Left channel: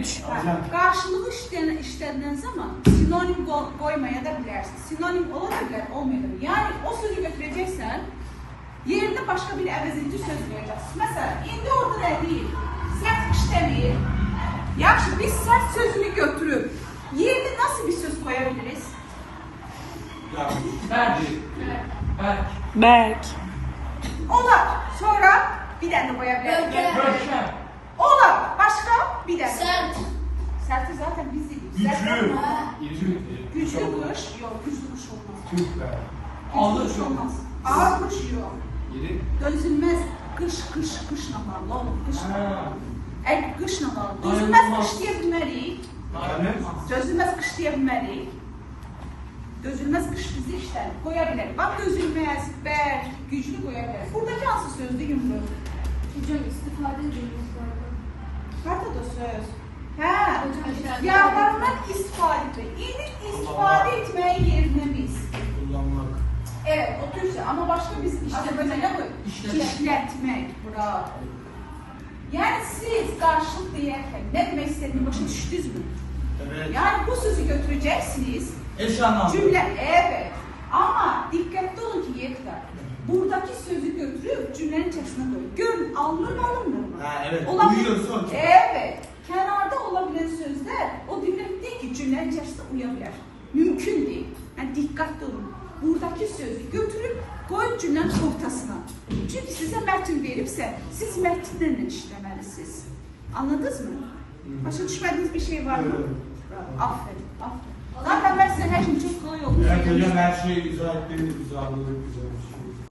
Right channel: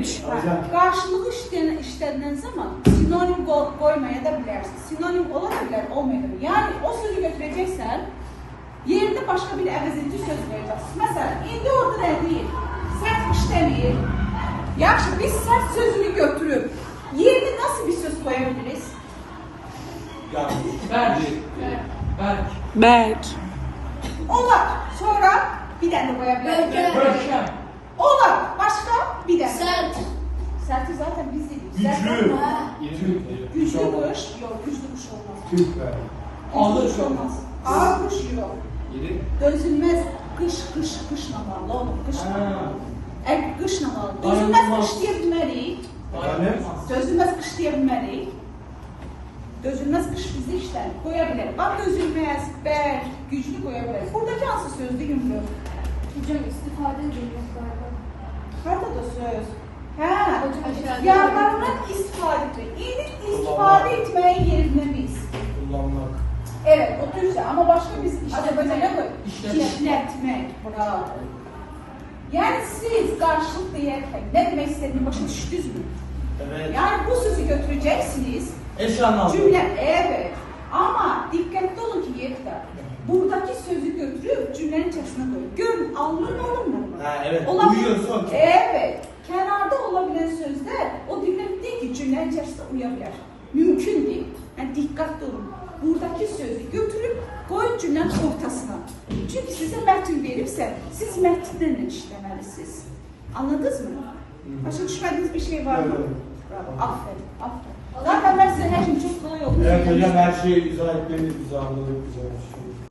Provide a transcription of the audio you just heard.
3. Karşılığı işlediğiniz zaman sinonim koymaya da bilersin. Sinonim olabilir, olmayabilir. Yani o sözü götüreceksen yerine başka bir əvəzedici söz vereceksin. Mesela indi orada ne değil? Sert işlemeyip, yaxşı biz sert sözünü götürüp yerine nasıl bir söz koyabiliriz? Bərk. Ona sonra bir tane koyabiliriz. Ona başka bir tane. Sert. Sert'i zaten biz dedik. Güçlü. Güçlü kış yok, güçlü kış olmaz. Güçlü kış olmaz. Ağır kış yok. Dözülmez kışlamalı olur. Kışlamalı. Dözülmez kış diyebilmeliyiz. Dözülmez kış diyebilmeliyiz. Dözülmez kış bizi işte koyabilir. Bak dözülmez, bel, güçlü koyabilir. Buradaki asıl sözde yumru. Hocam istifade edilmesi lazım. Harda da söz. He. Yanlarından istifade etmek. İstifade etmeyi yerine biz. Evet, o Türkçe ama başka biz işte ne koy? İşletmek. Bravo. Yani siz karşılık değerken ne demek istediğini başa düştünüz mü? Evet. Yani bu sözü götüreceksiniz. Eş anlamlı. Cümle evet. Ama dikkatli olun ki yeter. Buradaki sözü götürüp cümlenin içerisine koy. Görün alınır mı? Evet. Olabilir. Uyuyorsa okey. Evet. Kenarda olabilen sözler o demek değil ki cümlenin içerisinde uyabilir. Mümkün değil. Yani dikkatli olun. Buradaki sözü götürüp koyun cümlenin ortasına. Çünkü size metin verirse siz metinle işlemelisiniz. Anladınız mı? Başka düşmediğiniz bir şey var mı? Evet. Bravo. Aferin. Aferin. Zaten ben size her şey çok kolay oldu. Evet hocam her şeyi izah etmeniz güzel, güzel bir şey.